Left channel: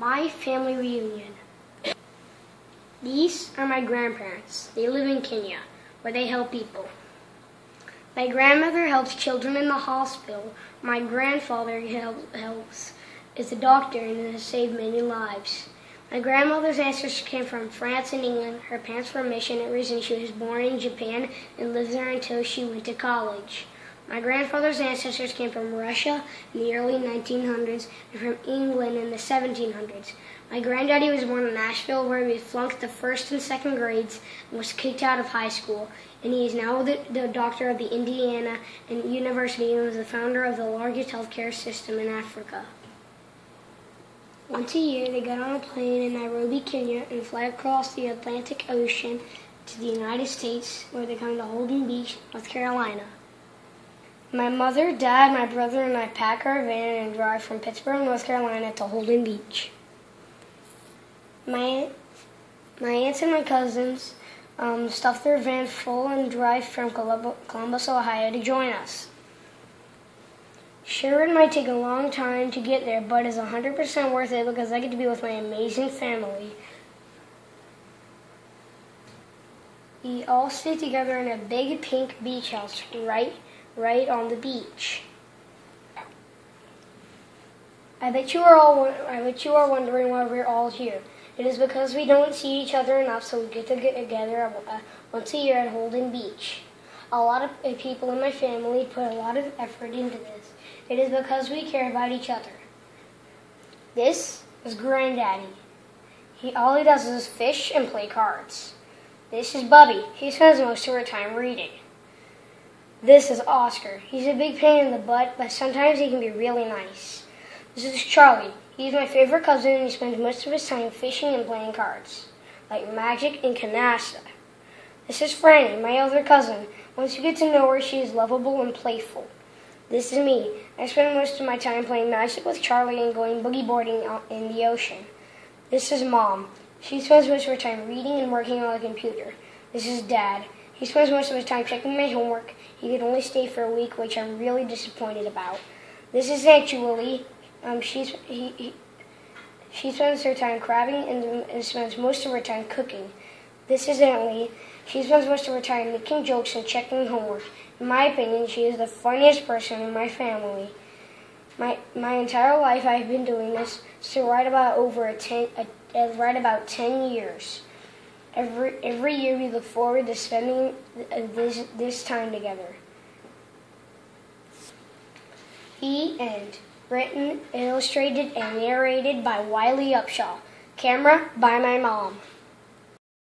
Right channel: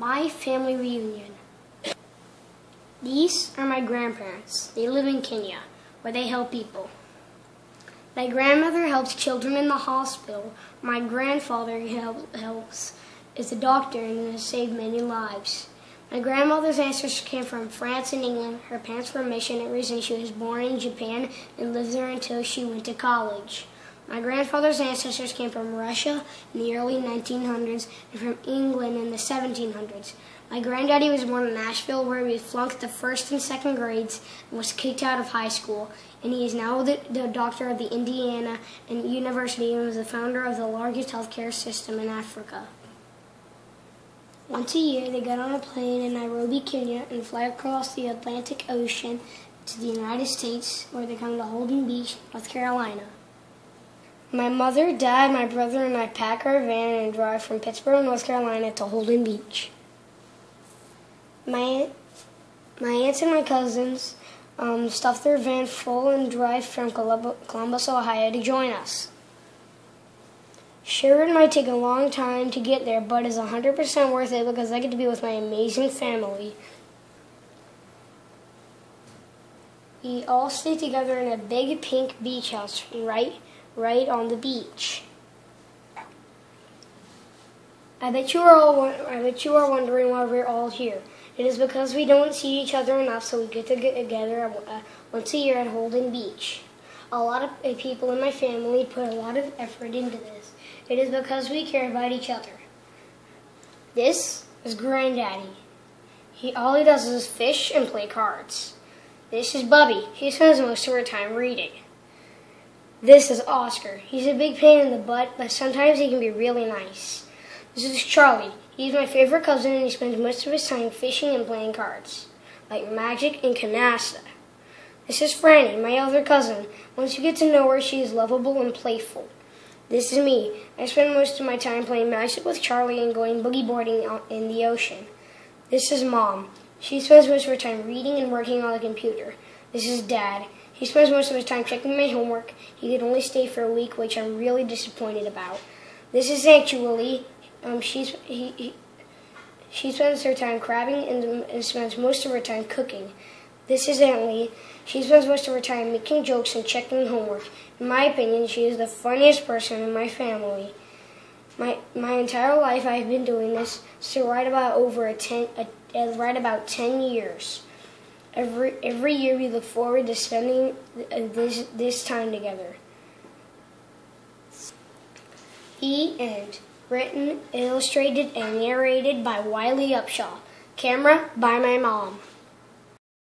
My family reunion. These are my grandparents. They live in Kenya, where they help people. My grandmother helps children in the hospital. My grandfather is a doctor and has saved many lives. My grandmother's ancestors came from France and England. Her parents were missionaries and she was born in Japan and lived there until she went to college. My grandfather's ancestors came from Russia in the early 1900s and from England in the 1700s. My granddaddy was born in Nashville, where he flunked the first and second grades and was kicked out of high school. And he is now the doctor of the Indiana University and was the founder of the largest healthcare system in Africa. Once a year, they get on a plane in Nairobi, Kenya, and fly across the Atlantic Ocean to the United States, where they come to Holden Beach, North Carolina. My mother, dad, my brother, and I pack our van and drive from Pittsburgh, North Carolina to Holden Beach. My aunts and my cousins stuff their van full and drive from Columbus, Ohio to join us. Sure, it might take a long time to get there, but it's 100% worth it because I get to be with my amazing family. We all stay together in a big pink beach house right on the beach. I bet you are wondering why we're all here. It is because we don't see each other enough, so we get together once a year at Holden Beach. A lot of people in my family put a lot of effort into this. It is because we care about each other. This is Granddaddy. All he does is fish and play cards. This is Bubby. He spends most of her time reading. This is Oscar. He's a big pain in the butt, but sometimes he can be really nice. This is Charlie. He's my favorite cousin, and he spends most of his time fishing and playing cards, like Magic and Canasta. This is Franny, my other cousin. Once you get to know her, she is lovable and playful. This is me. I spend most of my time playing Magic with Charlie and going boogie boarding out in the ocean. This is Mom. She spends most of her time reading and working on the computer. This is Dad. He spends most of his time checking my homework. He could only stay for a week, which I'm really disappointed about. This is Aunt Julie. She spends her time crabbing and spends most of her time cooking. This is Aunt Lee. She spends most of her time making jokes and checking homework. In my opinion, she is the funniest person in my family. My entire life I've been doing this, so right about 10 years. Every year we look forward to spending this time together. The end. Written, illustrated, and narrated by Wiley Upshaw. Camera by my mom.